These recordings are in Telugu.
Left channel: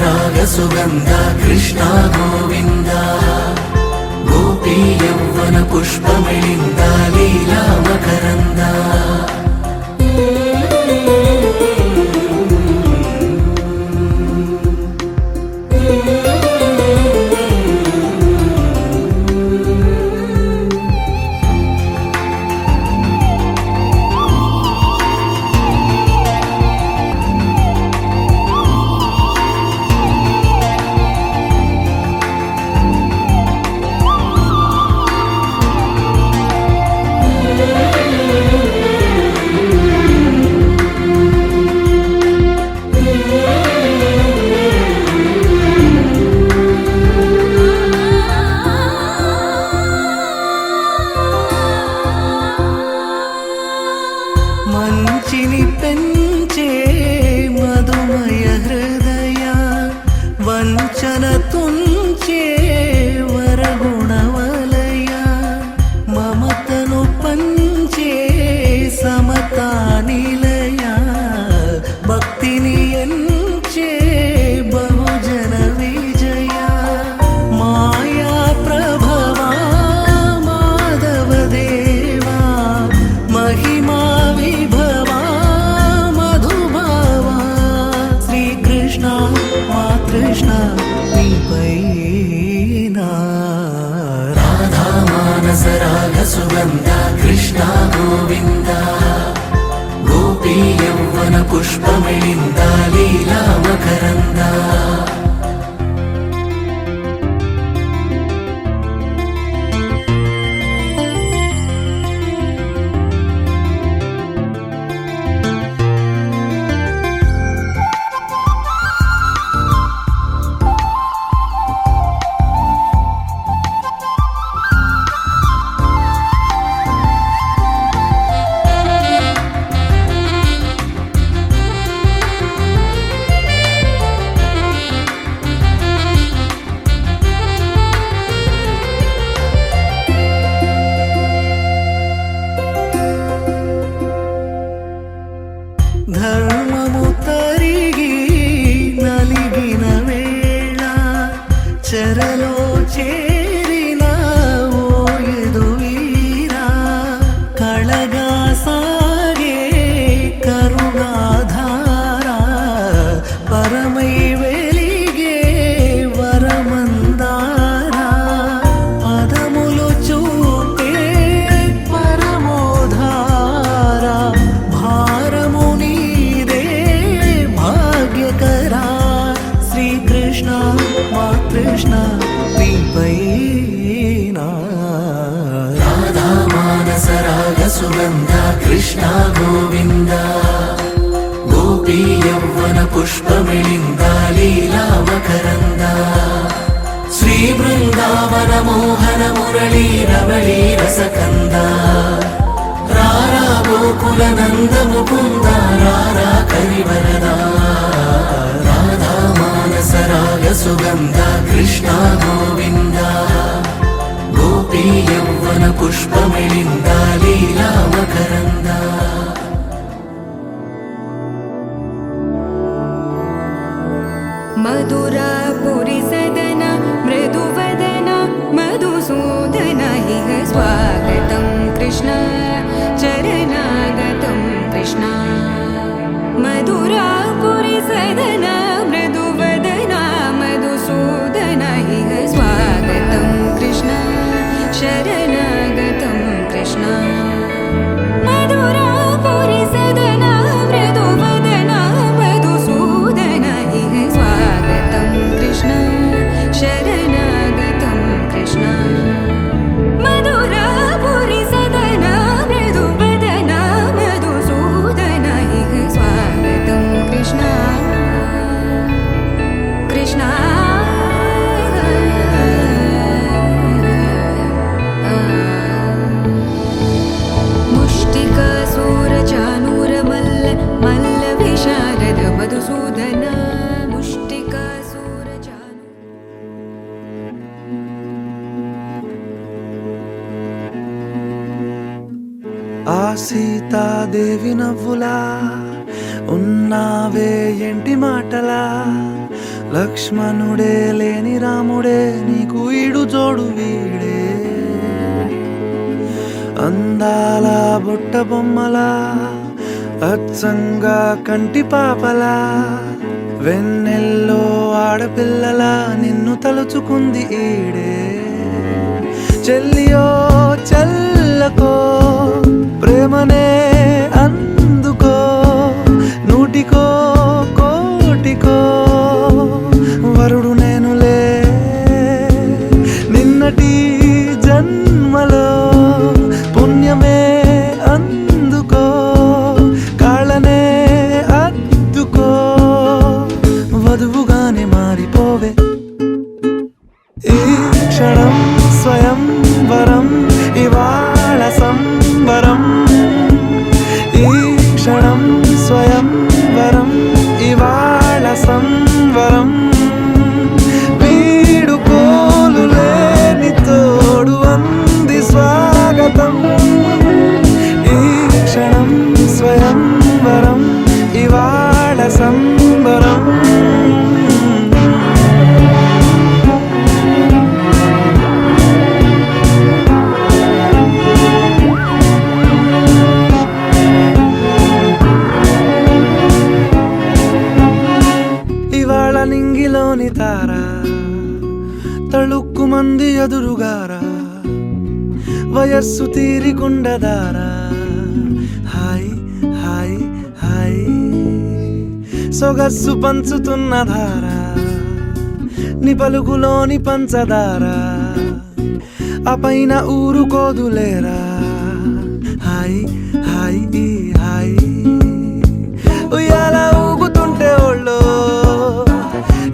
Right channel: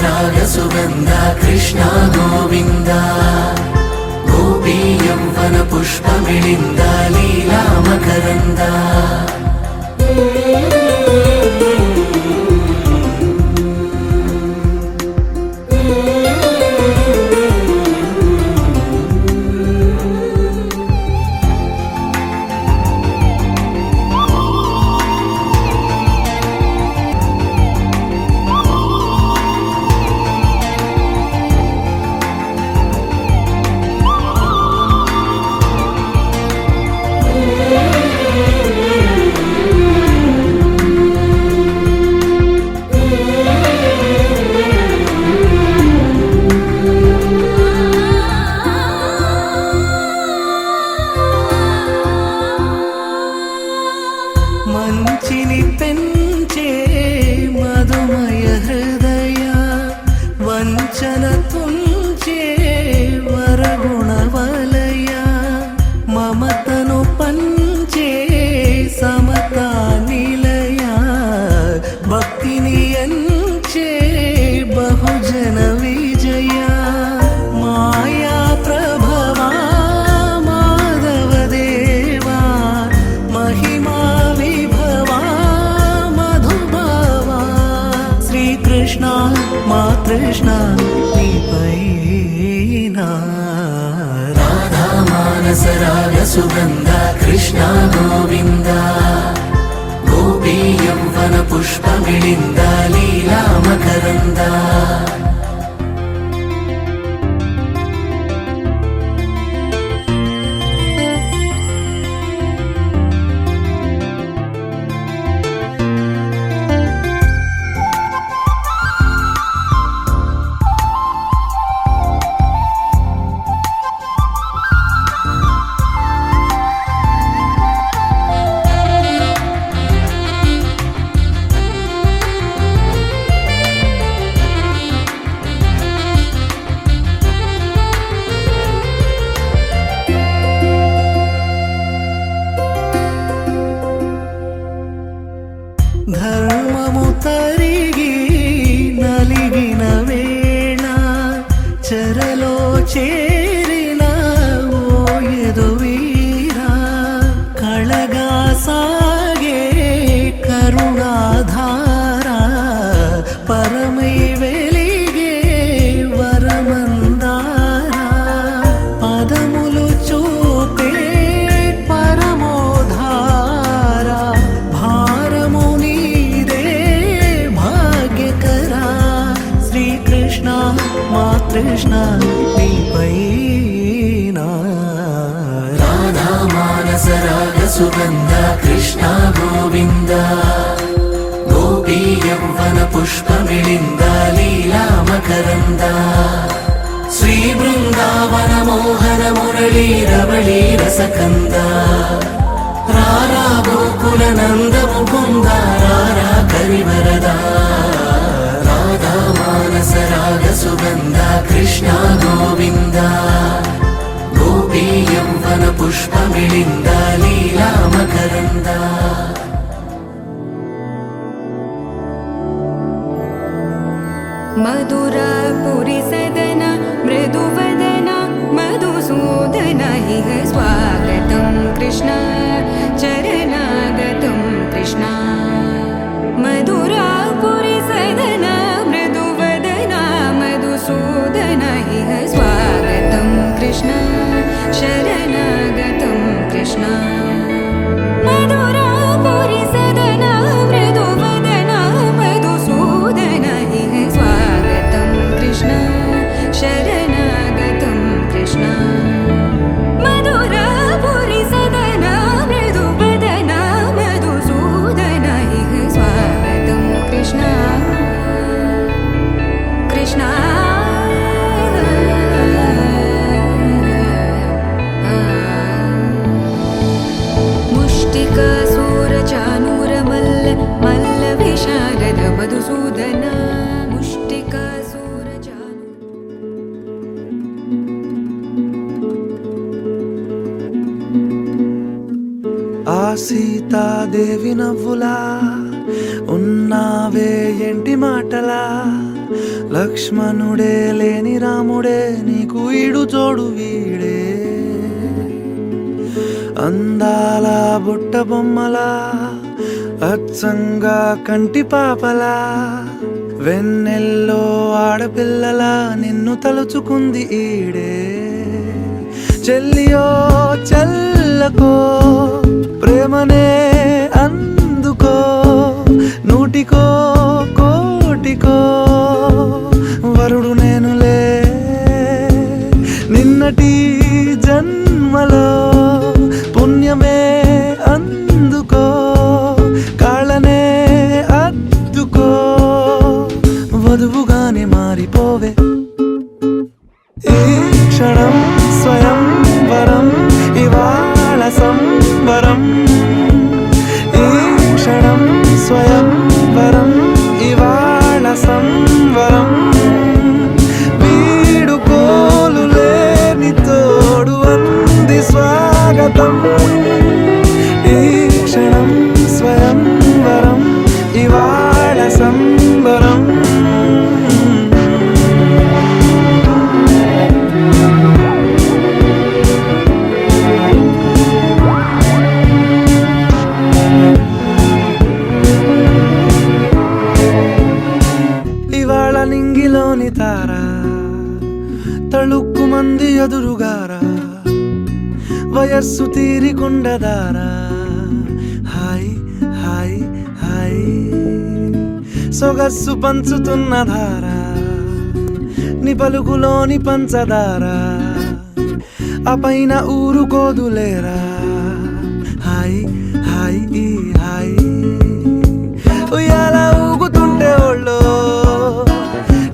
మానసరాగ సుగంధ కృష్ణ గోవింద గోపీ యౌవన పుష్పమిళింద లీలా మకరంద మంచిని పెంచే మధుమయ హృదయ వంచన తుంచే వరగుణ వలయ మమతను పంచే సమతా నిలయ భక్తిని ఎంచే బహుజన విజయ మాయా ప్రభవా మాధవ దేవా మహిమా మా కృష్ణ రాధా మానసరాగ సుగంధ కృష్ణ గోవింద గోపీ యౌవన పుష్పమిళింద లీలా మకరంద ధర్మము తరిగి నలిగిన వేళ చెరలో చేరిన ఓయదు వీరా కళగా సాగే కరుణాధార పరమై వెలిగే వరమందార పదములు చూపే పరమోధార భారము శ్రీకృష్ణ మా కృష్ణ రాధా మానసరాగ సుగంధ కృష్ణ గోవింద గోపీ యౌవన పుష్పమిళింద లీలా మకరంద శ్రీ బృందావన మోహన మురళీ రమళీ రసకంద రారా గోకుల నంద ముకుంద రారా కరివరదా మానసరాగ సుగంధ కృష్ణ గోవింద గోపీ యౌవన పుష్పమిళింద లీలా మకరంద మధురాపురి సదన మృదువదన మధుసూదన ఇహ స్వాగతం కృష్ణ చరణాగతం కృష్ణ మధురాపురి సదన మృదువదన మధుసూదన ఇహ స్వాగతం కృష్ణ శరణాగతం కృష్ణ మధురాపురి సదన మృదువదన మధుసూదన ఇహ స్వాగతం కృష్ణ శరణాగతం కృష్ణ మధురాపురి సదన మృదువదన మధుసూదన ఇహ స్వాగతం కృష్ణ కృష్ణ మల్ల విశారద మధుసూదన ముష్టికాసూర ఆ సీతాదేవి నవ్వులా ఉన్నావే ఎంటి మాటలా లక్ష్మణుడే లేని రాముడే నీకు ఈడు జోడు వీడే అందాల బుట్ట బొమ్మలా అచ్చంగా కంటి పాపలా వెన్నెల్లో ఆడపిల్లలా నిన్ను తలుచుకుంది ఈడే చెల్లియో చల్లకో ప్రేమనే అందుకో నూటికో కోటికో వరుడు నేనులే నిన్నటి జన్మలో పుణ్యమే అందుకో కాళ్ళనే అద్దుకో వధువుగానే మారిపోవే ఈ క్షణం స్వయం వరం ఇవాళ సంబరం ఈ క్షణం స్వయం వరం ఇవాళ సంవరం వీడుకోలు లేని తోడు అంది స్వాగతం ఈ క్షణం స్వయం వరం ఇవాళ సంబరం ఇవాళ నింగిలోని తారా తళుక్కు మంది ఎదురుగారా వయస్సు తీరికుండదారా హాయ్ హాయ్ హాయ్ సొగస్సు పంచుతున్న ధారా ని పలుకులోని పంచదారా ఆ పైన ఊరుకోదులేరా హాయ్ హాయ్ ఈ హాయ్ ఉయ్యాల ఊగుతుంటే ఒళ్ళో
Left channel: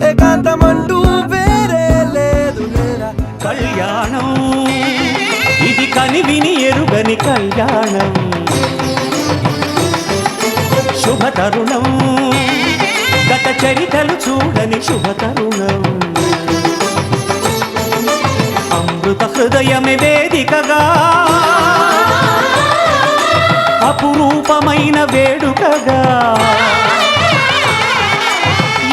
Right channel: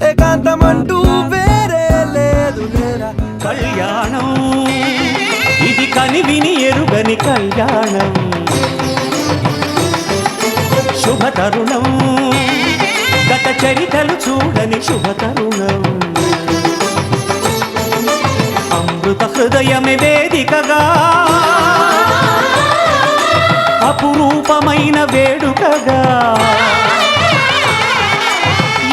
ఏకాంతమంటూ వేరే లేదు లేరా కళ్యాణం ఇది కని విని ఎరుగని కళ్యాణం శుభతరుణం గత చరితలు చూడని శుభతరుణం అమృత హృదయమే వేదికగా అపురూపమైన వేడుకగా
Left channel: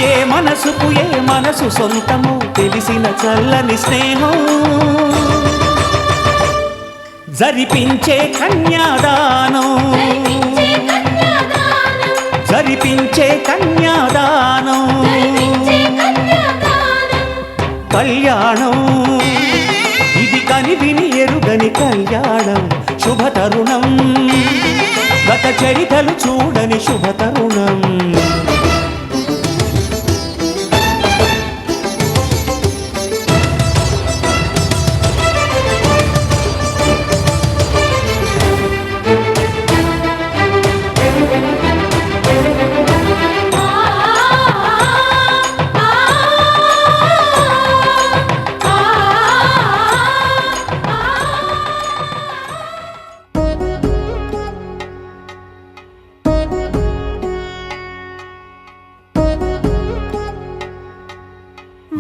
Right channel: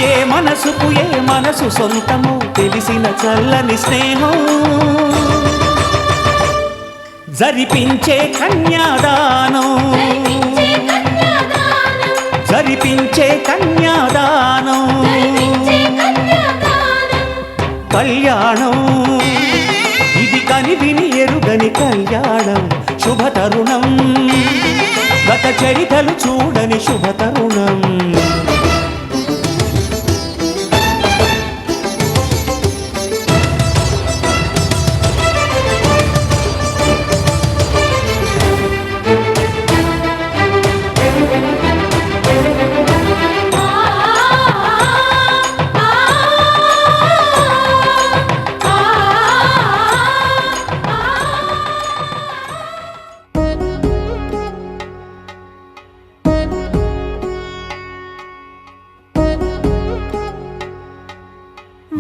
ఏ మనసుకు ఏ మనసు సొంతము తెలిసిన చల్లని స్నేహం జరిపించే కన్యాదానం జరిపించే కన్యాదానం కళ్యాణం ఇది కని విని ఎరుగని కళ్యాణం శుభతరుణం గత చరితలు చూడని శుభతరుణం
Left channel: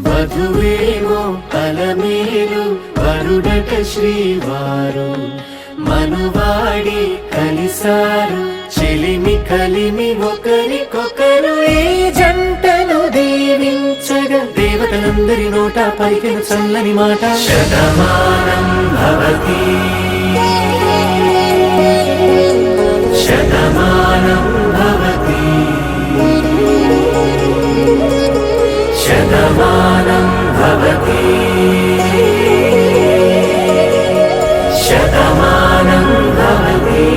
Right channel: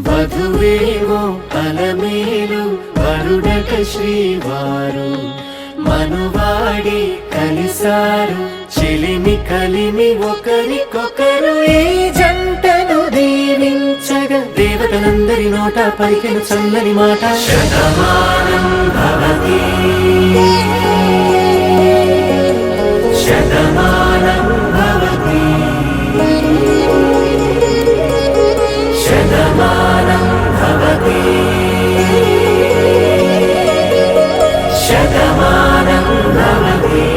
వధువేవో అలమేలు వరుడట శ్రీవారు మనువాడి కలిసారు చెలిమి కలిమి ఒకరికొకరు ఈ జంటను దీవించగా దేవతలందరి నోట పలికెను చల్లని మాట శతమానం భవతి శతమానం భవతి శతమానం భవతి శతమానం భవతి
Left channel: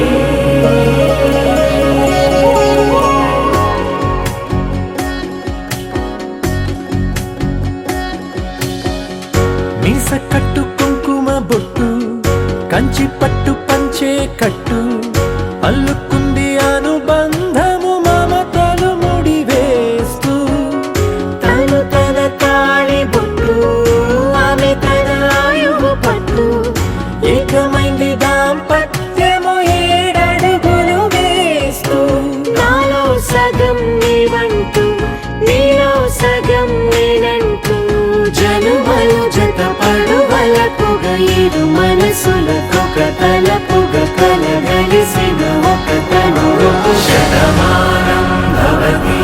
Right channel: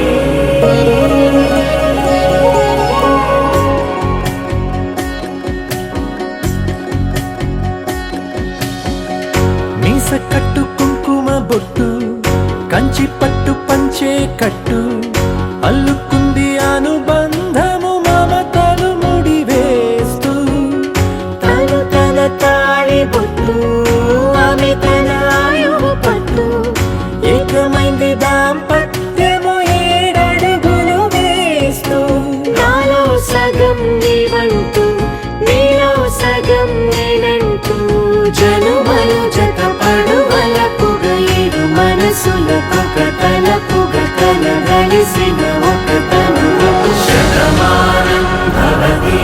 మీస కట్టు కుంకుమ బొట్టు కంచి పట్టు పంచే కట్టు అల్లుకుంది అనుబంధము మమతలు ముడివేస్తూ తను తన తాళి బొట్టు ఆమె తన ఆయువు పట్టు ఏకమైంది దాంపత్యము ఏడడుగులు వేస్తూ నాలో సగం నీవంటూ నీలో సగం నేనంటూ జనుమలు జత పడువలపుగ ఇరు మనసులకొక తలపుగ కలగలిసిన ఒక తను శతమానం భవతి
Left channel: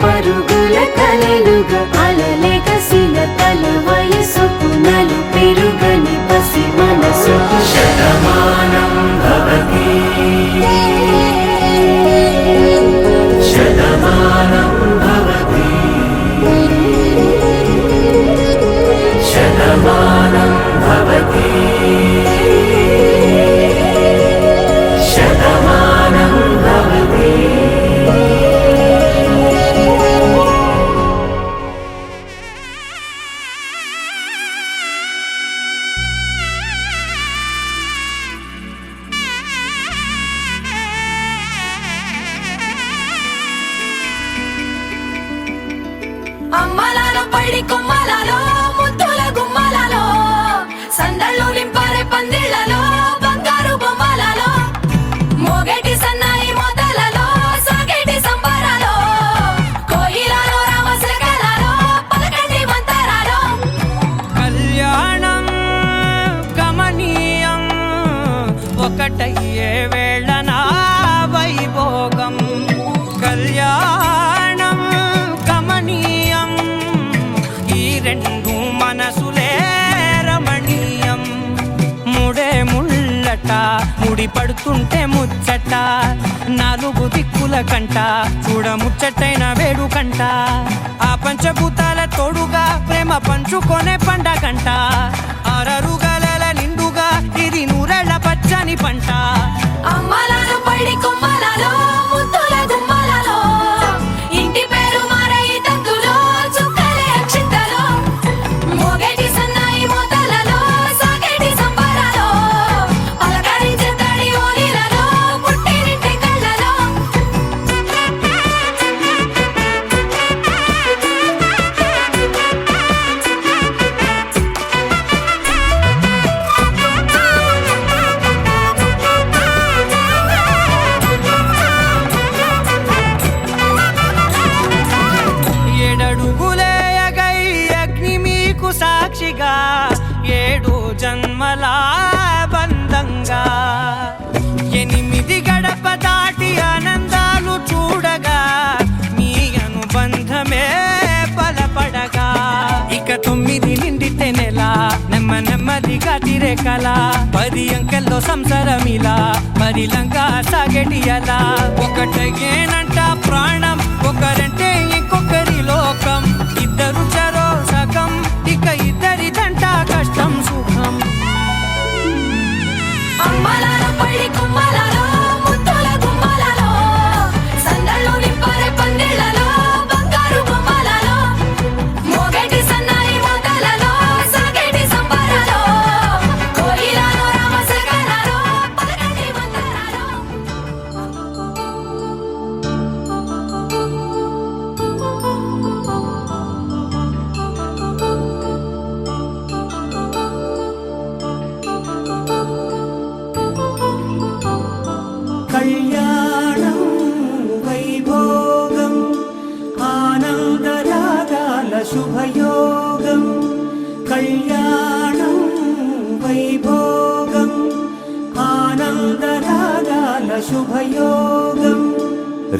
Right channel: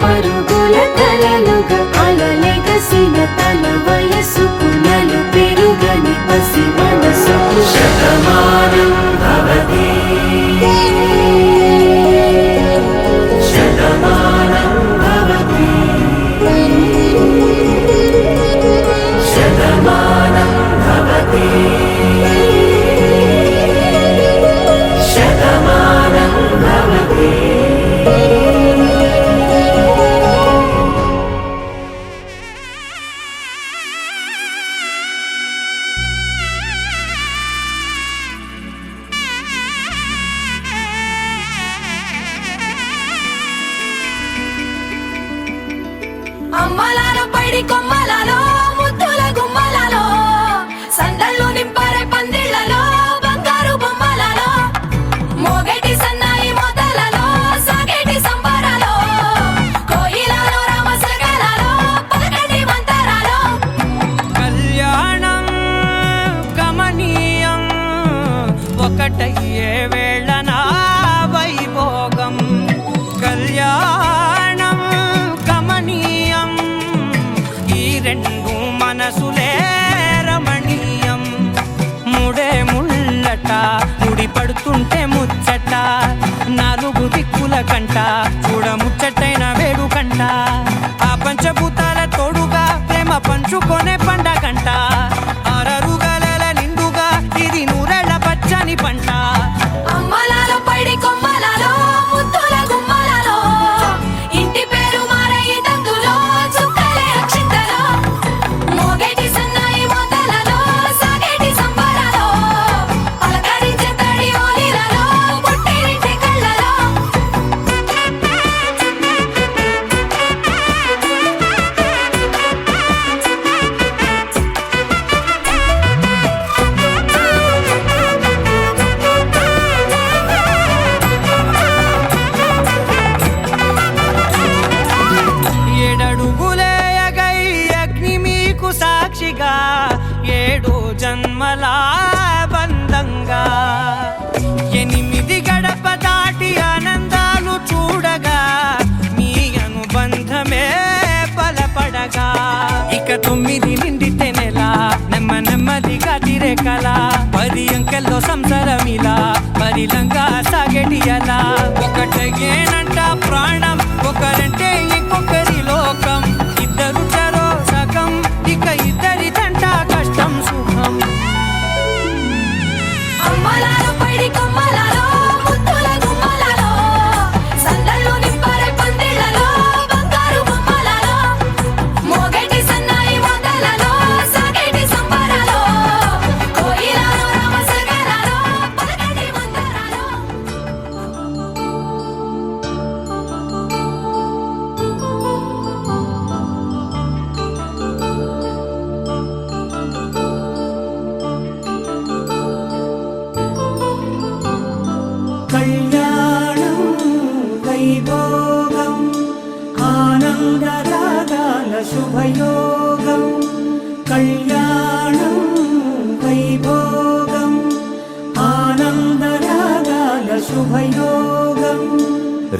పరుగుల కలలుగా అలలెగసిన తన వయసుకు నలు పెరుగని పసి మనసుకు శతమానం భవతి శతమానం భవతి శతమానం భవతి శతమానం భవతి. అమ్మలాలో పైడి కొమ్మలలో ముద్దుల గుమ్మలలో సందళ్ళు నింపారే పందిళ్లలో బంగారు బొమ్మలలో మోగేటి సన్నాయి మోతలలో సాగేటి సంబరాలో కోయిలలో రామసగలలో పలకటి మంతరాలో కళ్యాణం గమనీయం ఒకటయ్యే వేళనా వైభోగం కళ్యాణం గమనీయం ఈ రెండు మనసులే రమణీయం ముడే ముళ్ళట ముడి పడుతుంటే ముచ్చట నాలుగు దిక్కుల కంట చూడ ముచ్చటైన వేడుకంట ఆ పంచభూతాల తోడుగా ప్రేమ పంచుకొనే పండగంట ఆరరుగల నిండుగా ఇది నూరెళ్ళ పచ్చని పంట అమ్మలాలో పైడి కొమ్మలలో ముద్దుల గుమ్మలలో ఇంటి పేరు మారయి తంతులో చుక్కలే అక్షింతలో మోగేటి సన్నాయి మోతలలో సాగేటి సంబరాలో పలకరించే తడి ఓలిలలో పుట్టినింటి కళ్ళలో ఏడడుగులే ఎగై అగ్ని మీకు సాక్షిగా ఏడు జన్మల బంధంగా ఎనిమిది గడప దాటి ఆనందాలు చూడగా మీ అనుబంధమే బలపడగా ఇక 9 నిండితే నెల నెమ్మదిగా తిరే కల 10 అంకెల్లో సంసారమిలా పరిలంగా సాగేటి అలా ఒకటేనంట ప్రాణం ఒకరంటే ఇంకొకరి లోకం ఇద్దరు చరో సగం ఇక ఇద్దరిదంట కష్టం సుఖం అమ్మలాలో పైడి కొమ్మలలో ముద్దుల గుమ్మలలో సందళ్ళు నింపారే పందిళ్లలో బంగారు బొమ్మలలో మోగేటి సన్నాయి మోతలలో సాగేటి సంబరాలో కోయిలలో రామసగలలో పలకటి మంతరాలో కళ్యాణం వైభోగం ఆనందరాగాల శుభయోగం కళ్యాణం వైభోగం ఆనందరాగాల శుభయోగం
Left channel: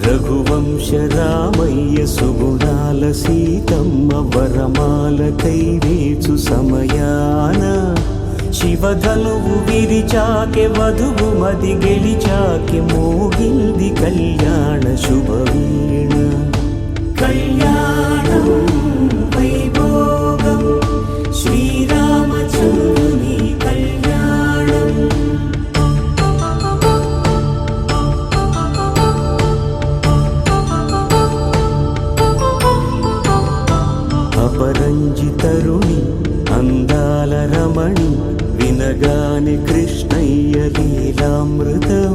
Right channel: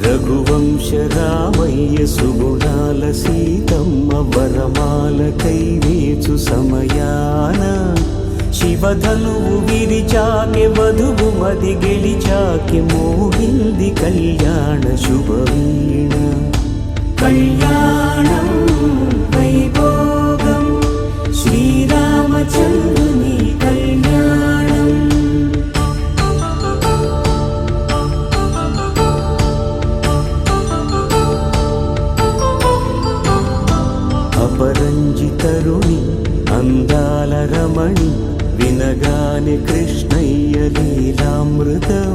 రఘువంశ రామయ్య సుగుణాల సీతమ్మ వరమాల కైవేచు సమయాన శివధనువు విరిచాకె వధువు మది గెలిచాకె మోగింది కళ్యాణ శుభవీణ కళ్యాణం వైభోగం శ్రీరామచంద్రుని కళ్యాణం అపరంజి తరుణి అందాల రమణి వినగానే కృష్ణయ్య లీలామృతం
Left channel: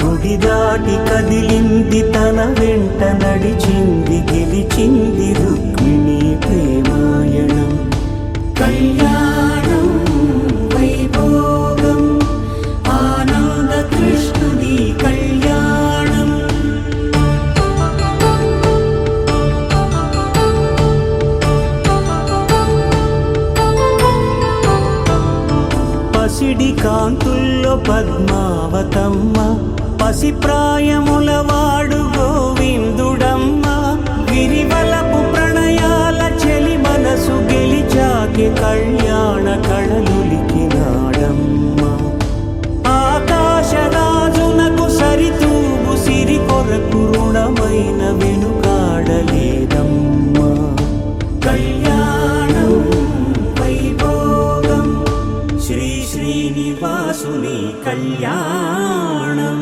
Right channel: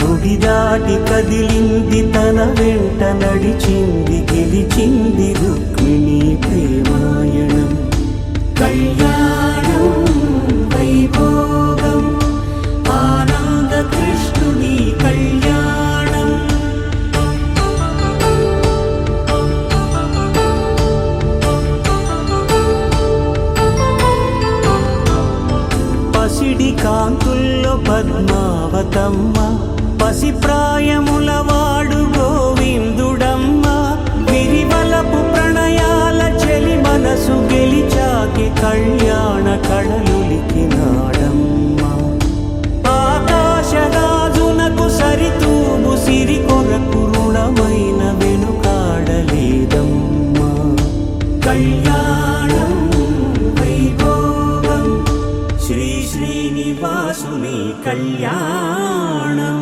గుడి దాటి కదిలింది తన వెంట నడిచింది గెలిచింది రుక్మిణి ప్రేమాయణం కళ్యాణం వైభోగం ఆనంద కృష్ణుని కళ్యాణం పసిడి కాంతుల్లో పద్మావతమ్మ పసి ప్రాయముల వాడు గోవిందుడమ్మ మనసు గెలిచాకే కళ్యాణ కళలులికినాడమ్మా ఆకాశరాజునకు సరితూగు సిరి కొరకు రుణమైన వెనుకాడలేదమ్మా కళ్యాణం వైభోగం శ్రీ శ్రీనివాసుని కళ్యాణం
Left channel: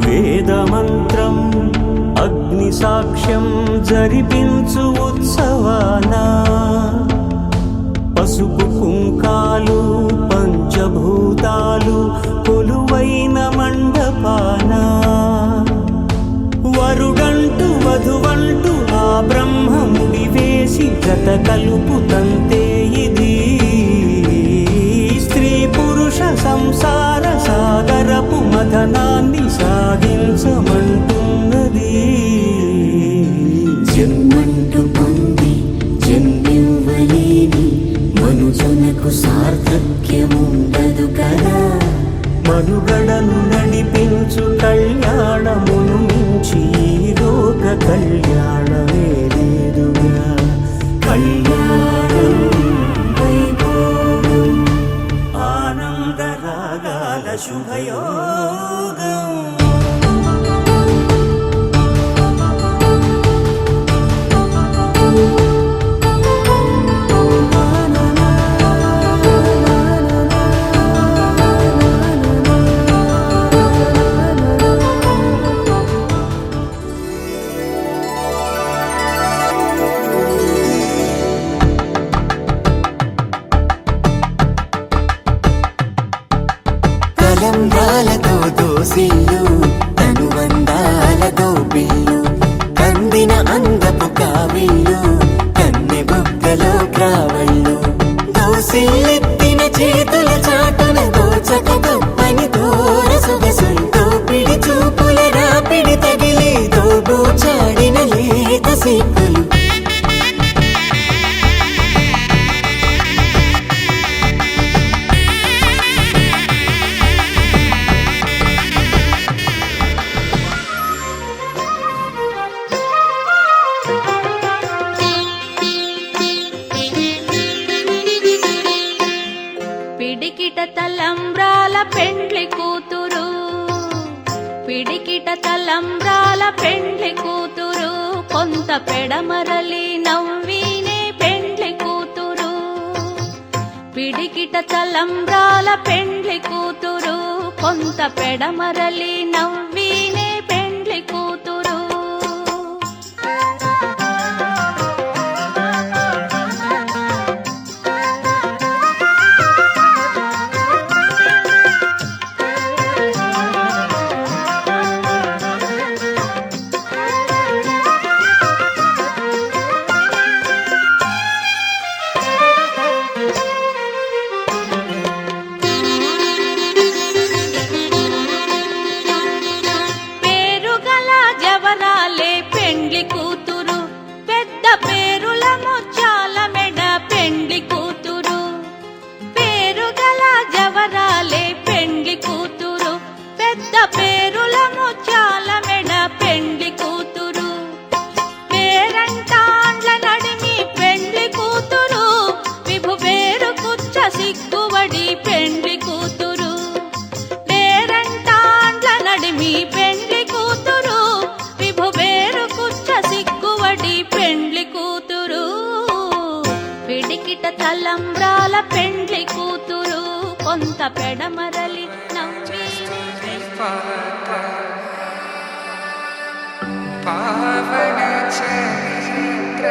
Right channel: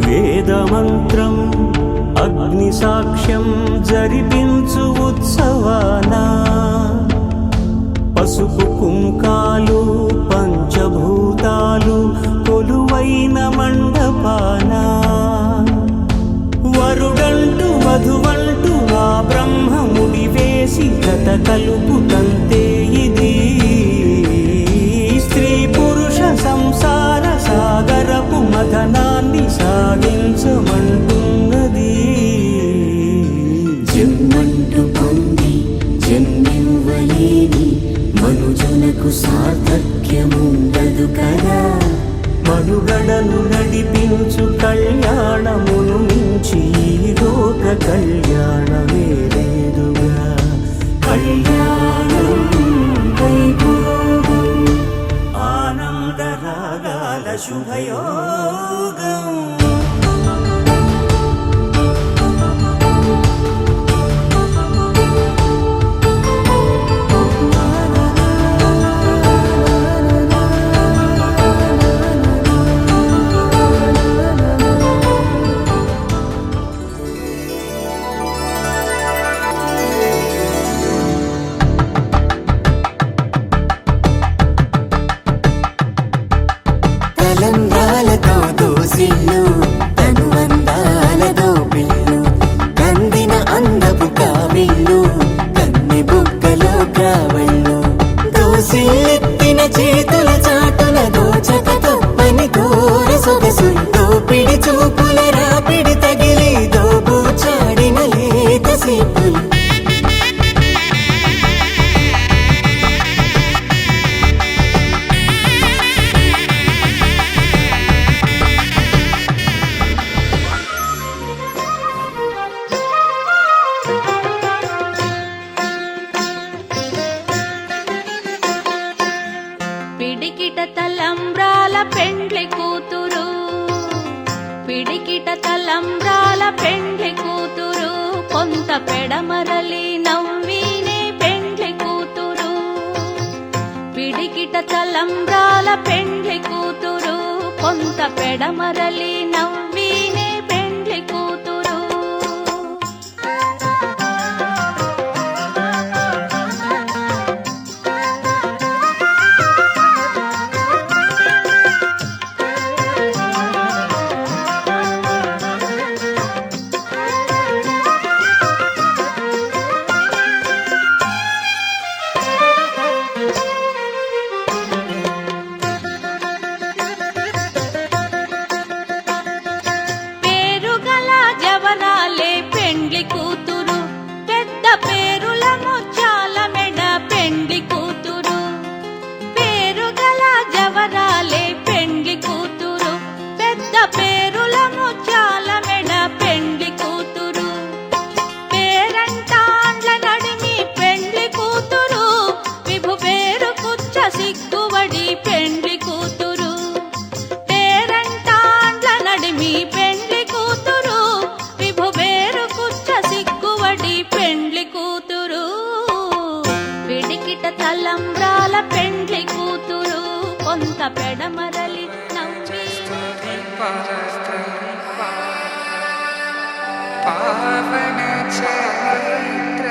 వేదమంత్రం అగ్ని సాక్ష్యం జరిపించు ఉత్సవానా పసుపు కుంకాలు పంచభూతాలు కొలువైన మండపానా వరుడంటూ వధువంటూ ఆ బ్రహ్మముడి వేసి జత కలుపుతంతే ఇది స్త్రీ పురుష సంసార సాగరపు మథనాన్ని సాగించమంటున్నది జన్మంటూ పొంది జన్మివ్వలేని మనుజునకు సార్థక్యముండదు కదా మనుగడను నడిపించు కళ్యాణమును మించి ఈ లోక కళ్యాణమే లేదుగా కళ్యాణం వైభోగం ఆనందరాగాల శుభయోగం తలంబ్రాలతో దోసిళ్ళు అనుబంధాలతో పిల్లు అందిన అందపు కావిళ్ళు కన్నె బుగ్గలో గ్రావళ్ళు దోసిళ్ళెత్తిన చేతుల చాటున దోచక తప్పని దూర సొగసులు దోపిడి చూపుల రాపిడి తగిలి దోబూచాడిన లేత సీపులు పిడికిట తలంబ్రాల పెండ్లి కూతురు పిడికిట తలంబ్రాల పెండ్లి కూతురు కొంత పెడమరలి నవ్వినే పెండ్లి కూతురు పిడికిట తలంబ్రాల పెండ్లి కూతురు కొంత పెడమరలి నవ్వినే పెండ్లి కూతురు పేరుగల జవరాలే పెండ్లి కూతురు పెద్ద పేరుల ముత్యాల మెడ పెండ్లి కూతురు పేరుగల జవరాలే పెండ్లి కూతురు పెద్ద పేరుల ముత్యాల మెడ పెండ్లి కూతురు పేరంటాండ్ల నడిమి పెండ్లి కూతురు విభు పేరు కుచ్చ సిగ్గువడి పెండ్లి కూతురు పేరంటాండ్ల నడిమి పెండ్లి కూతురు విభు పేరు కుచ్చ సిగ్గువడి పెండ్లి కూతురు పిడికిట తలంబ్రాల పెండ్లి కూతురు కొంత పెడమరలి నవ్వి पावन चरित्र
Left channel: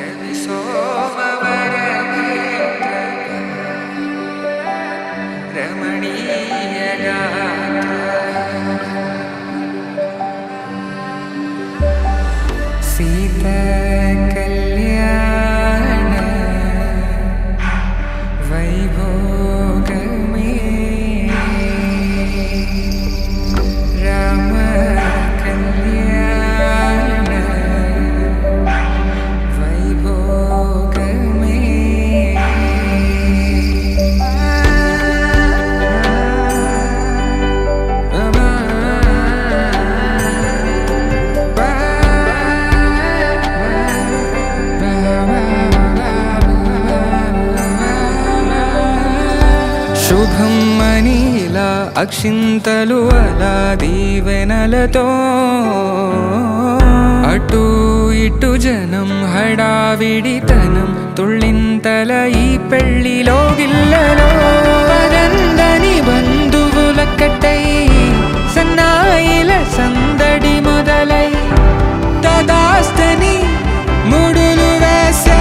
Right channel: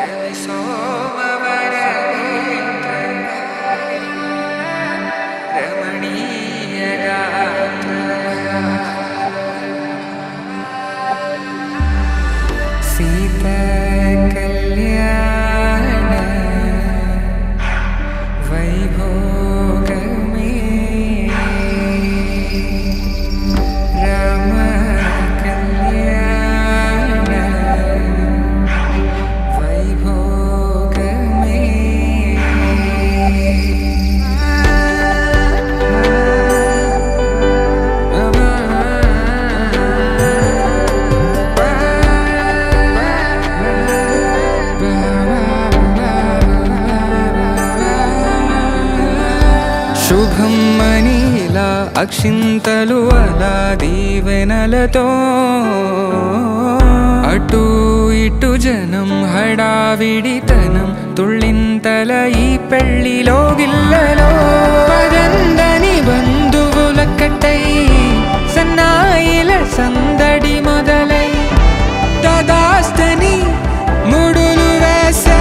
रवि सोमवर नेत्र रमणीय गात्र सीता कल्याण वैभोगमे राम कल्याण శుభమ్మని ఇలా అక్షింతలు అలా దీవెనలతో అటు ఇటు జనం హడావిడితనం తుళ్ళింతల ఈ పెళ్లిలో గిల్లలో పదందని బంధువుల కట్టై సన్నాయిల సందడి మొదలై తదాస్తని ముడులు వేసే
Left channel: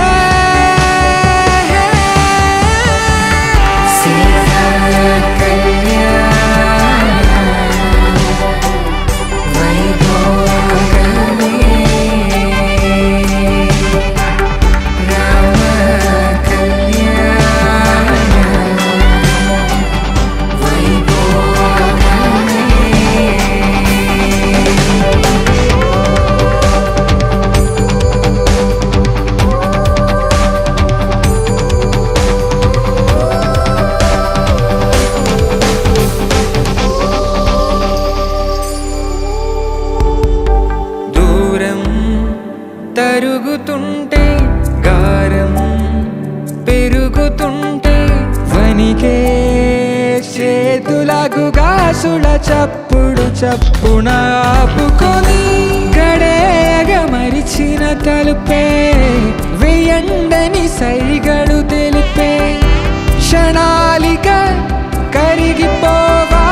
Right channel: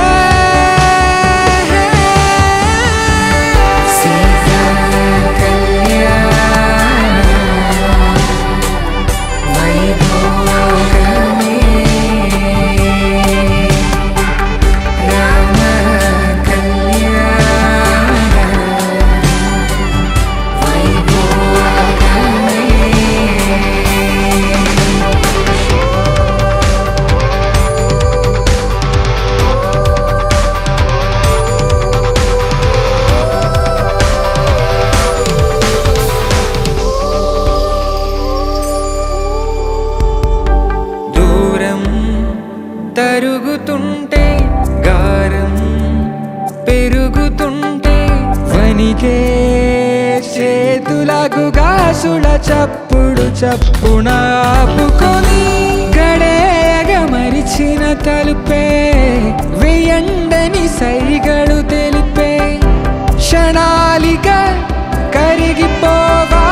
తరుగుతుంటే గారం పెరుగుతుంటే వనికే చేతులకు గాసుల చప్పుడు చప్పున ఆపుకొని గడేయగ మరిచిన తలుపే వేయండని సైగడు తెలిపే క్షణాలిక కరిగిపోవా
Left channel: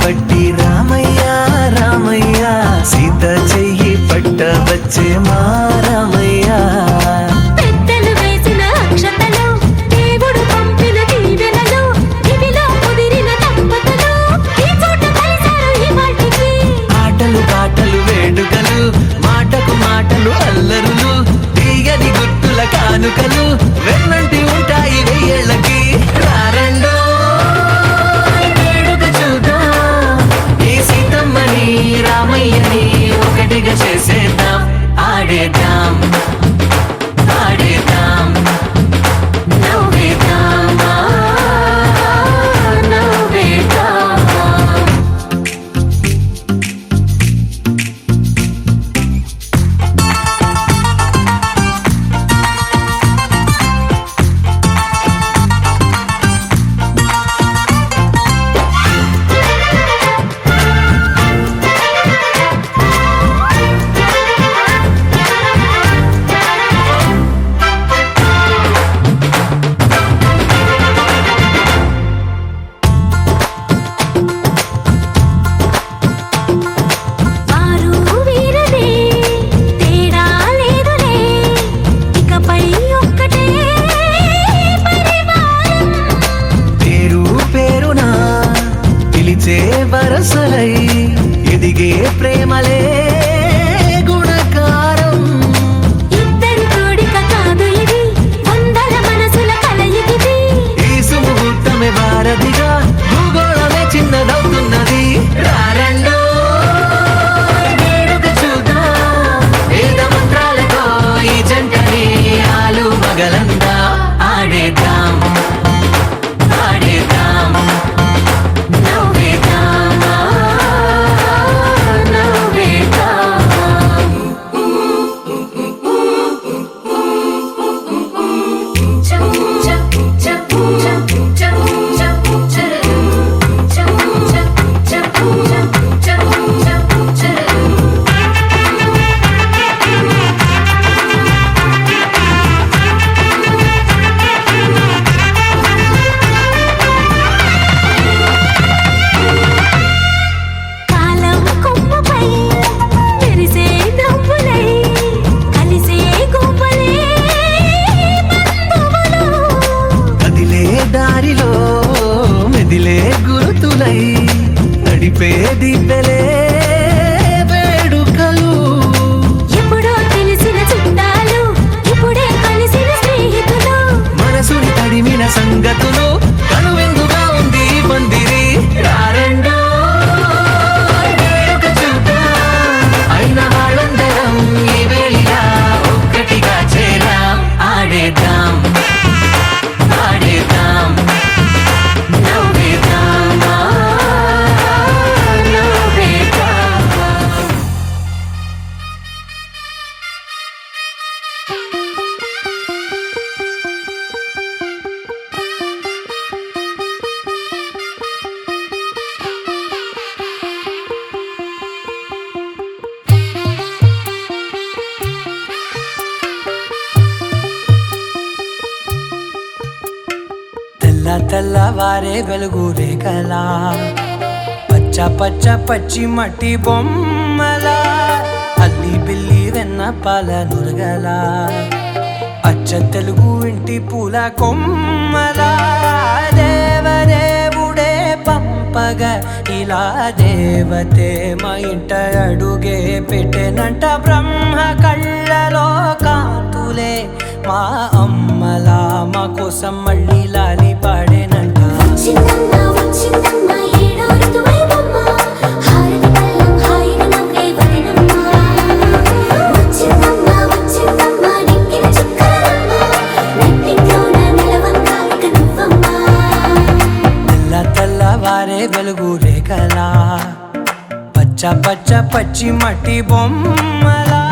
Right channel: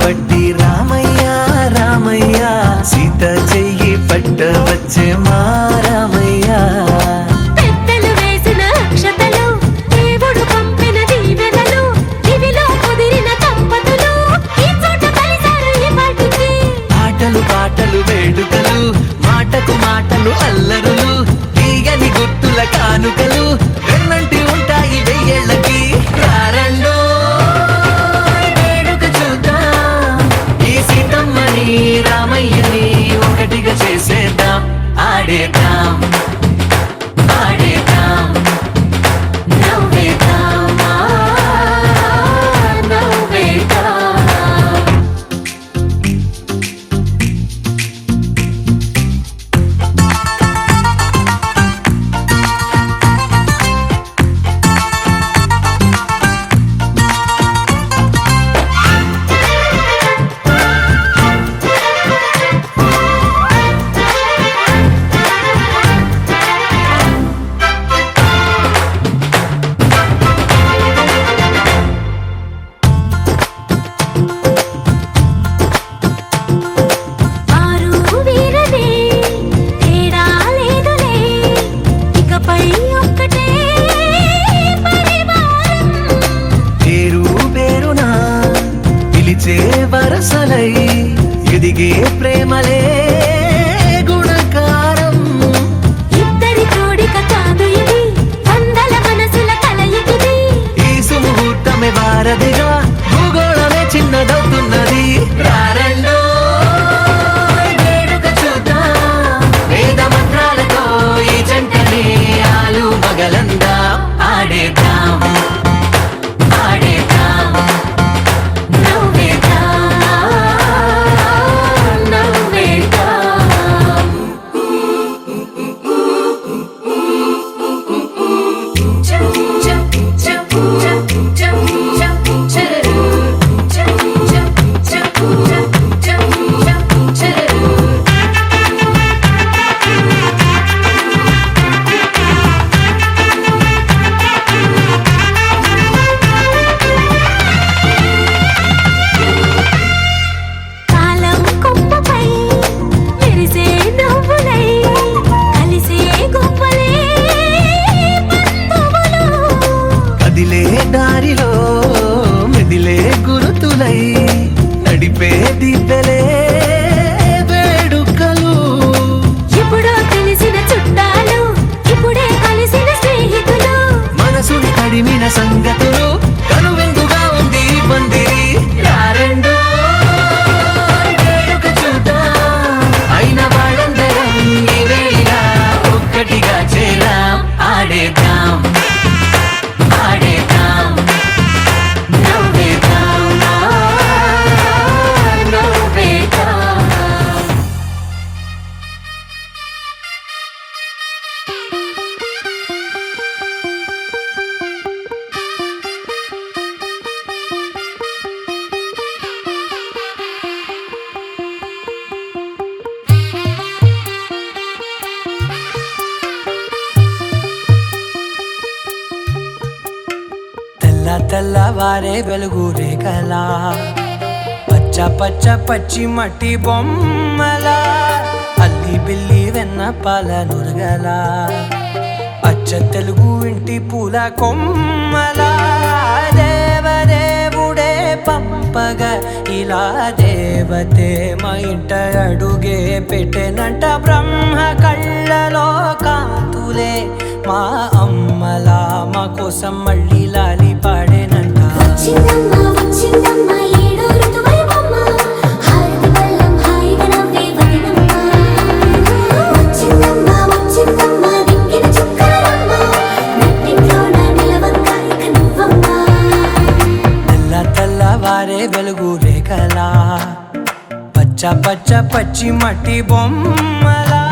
పట్టి రామయ్య రామయ్య సీత చెయ్యి పట్ట వచ్చే మా రామయ్య పెద్దలు వేసిన అక్షతలు దేవుడు పంపిన దీవెనలు ఇవిలో కుదిరిన దంపతులు ఈ చోట కలిసారు ఈ పాటికి ఆటలు పాటలు వేడుకలు మాటకు మాటలు అల్లరులు కానుకలు వెన్నంటి ఉంటాయి వెయ్యేళ్ళకి. రారండో వేడుక చూద్దాం, ఈ సీతమ్మని రామయ్యని ఒకటిగా చేసేద్దాం. ఆడేద్దాం ఆడేద్దాం నవ్వేద్దాం నవ్వేద్దాం. వారు వీరనే తేడా లేదులే, ఇకపై ఒక్కటే పరివారం. పేరు పేరున పిలిచే వరసలై ఎదిగే ప్రేమలే గుణకారం. ఇద్దరి కోడిక కాదు ఇది, వందల మనసుల కలయికిది. ఈ సుముహూర్తమే వారధిగా భూగోళమే చిన్నదవుతున్నది. రారండో వేడుక చూద్దాం, వేద మంత్రాలతో ఈ జంటని ఆలు మగలందా. ఆడేద్దాం ఆడేద్దాం నవ్వేద్దాం నవ్వేద్దాం. కాలం కొమ్మపై మెరిసే నవ్వులై కలిసే గువ్వలే బంధువులు. కదిలే దారిలో మెదిలే గురుతులై నడిపే దిబ్బెలే వేడుకలు. ఎప్పుడో తెలిసిన చుట్టాలు, ఇప్పుడే కలిసిన స్నేహితులు. మనసుని తడిమిన సంగతులు కనువిందుగా ఉంది ఈ పందిరి. రారండో వేడుక చూద్దాం, అయిన వాళ్ళందరం ఈ వేళ ఒక్కటిగా చేరాం. ఆడేద్దాం ఆడేద్దాం నవ్వేద్దాం నవ్వేద్దాం. తెల్ల తెల్లవారే వెలుగు రేఖలా, పచ్చ పచ్చ పచ్చి మట్టి బొమ్మలా, అల్లి బిల్లి వెన్న పాల నురగలా, అచ్చ తెలుగు ఇంటి పూల కొమ్మలా. దేవదేవుడే పంపగా ఇలా దేవతే మా ఇంట అడుగే పెట్టెనంట. బ్రహ్మ కళ్ళలో కాంతులే మా అమ్మలా మా కోసం మళ్ళీ లాలి పాడేనంట. వచ్చిందమ్మ వచ్చిందమ్మ ఏడో ఋతువైవమ్మ, హారతి పళ్ళం హాయిగా నవ్వే వదినమ్మ. వచ్చిందమ్మ వచ్చిందమ్మ నిక్కిన చుక్కలమ్మ, నెట్టింట్లోన నిలవంగా ఇక నువ్వమ్మ. తెల్ల తెల్లవారే వెలుగు రేఖలా, పచ్చ పచ్చ పచ్చి మట్టి బొమ్మలా.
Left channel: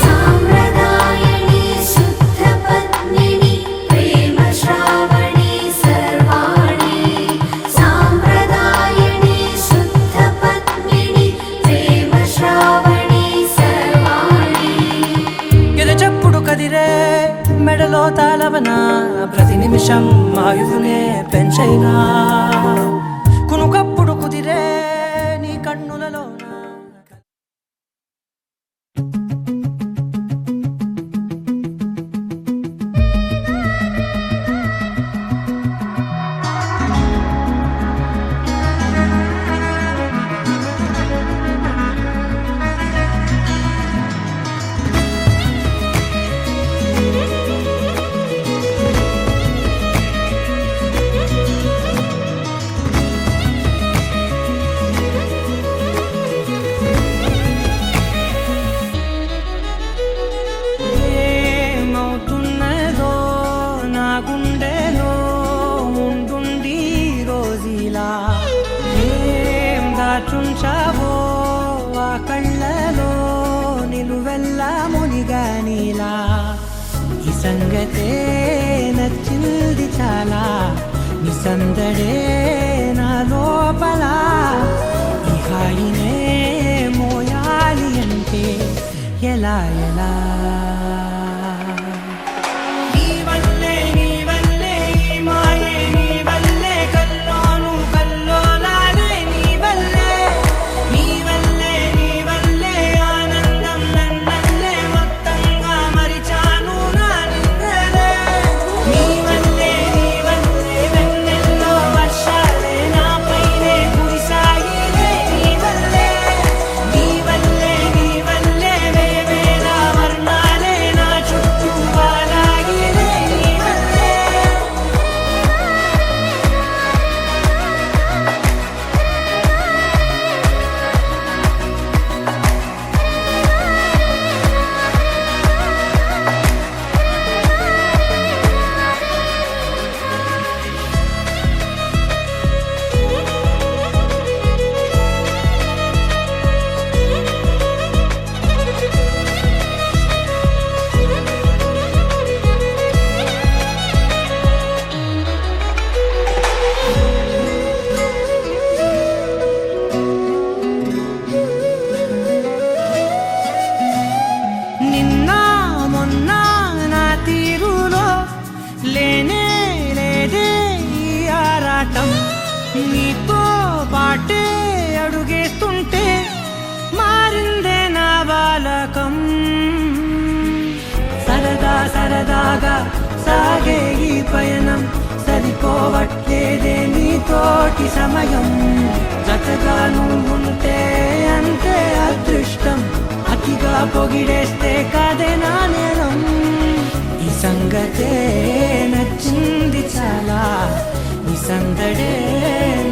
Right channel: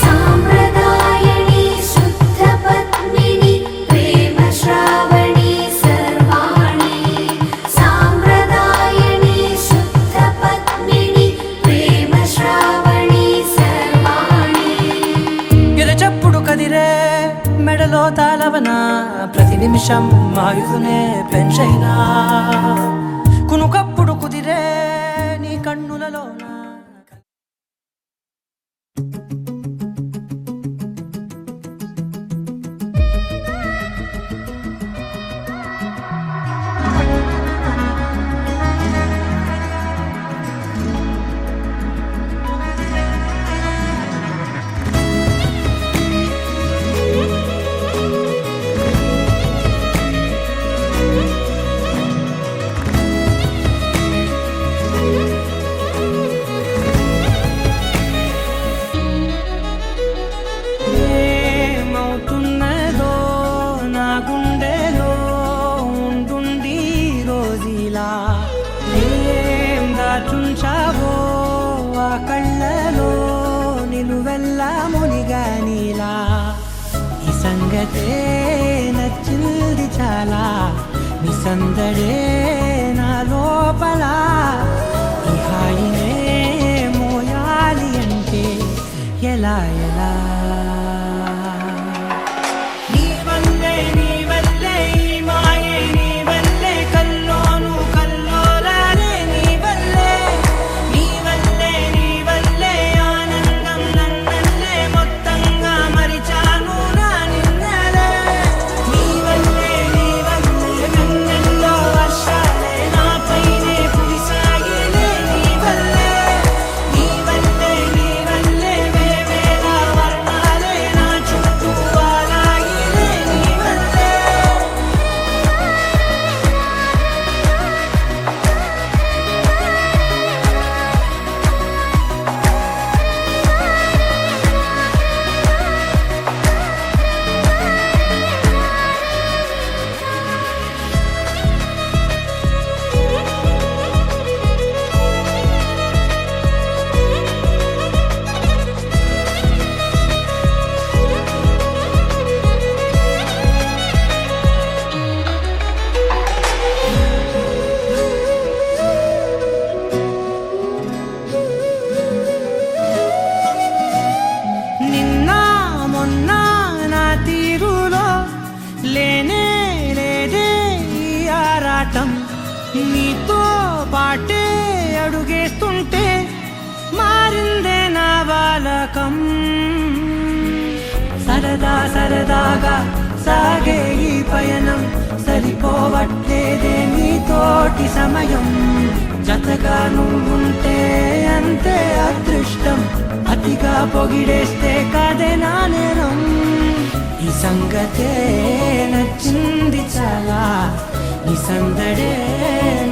సాంప్రదాయని శుద్ధ పద్మిని ప్రేమ శ్రావణి సర్వాణి. సాంప్రదాయని శుద్ధ పద్మిని ప్రేమ శ్రావణి సర్వాణి. ఎద చప్పుడు కదిరే మెడలో తాళవన, ప్రతి నిమిషం ఆయుధునే పెంచైనా. కునుకప్పుడు కుదిరే నీ కన్నులలోన. దాచుంచావో ఆ కళ్ళలో నిలువెల్లా మునిగా నీలా ఈ సంగతే నచ్చింది చాలా నీ సందడే నా లోపల ఈ హాయినే మోయాలి అంటే ఎలా ఎలా నీ వల్లే ఈ మాయే నీ వల్లే కల్లోను కల్లోలానే నీ వల్లే ఆనందం నన్నల్లే మొత్తంగా మరిచాను నా నిన్నలే నీ వల్లే వెన్నెల్లో వర్షాలే నాపైనే కురిసాయిలే నీ వల్లే వేవేల వర్ణాలే నా చుట్టూ వాలాయిలే నీ వల్లే నిన్న మొన్న నా తీరులో లేనే లేదే ఈ ఆరాటం నీతో పాటే అడుగేస్తుంటే మారిందే నా బాలకం సరదాగా సాగే ఈ పయనం సరిపోవట్లేదే నీతోటి సమయం జతగా నువ్వుంటే అంతే అదృష్టం అతిగా పొగిడేస్తే కాదే నా నేరం ఈ సంగతే నచ్చింది చాలా నీ సందడే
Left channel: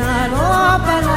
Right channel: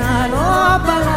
నా లోపల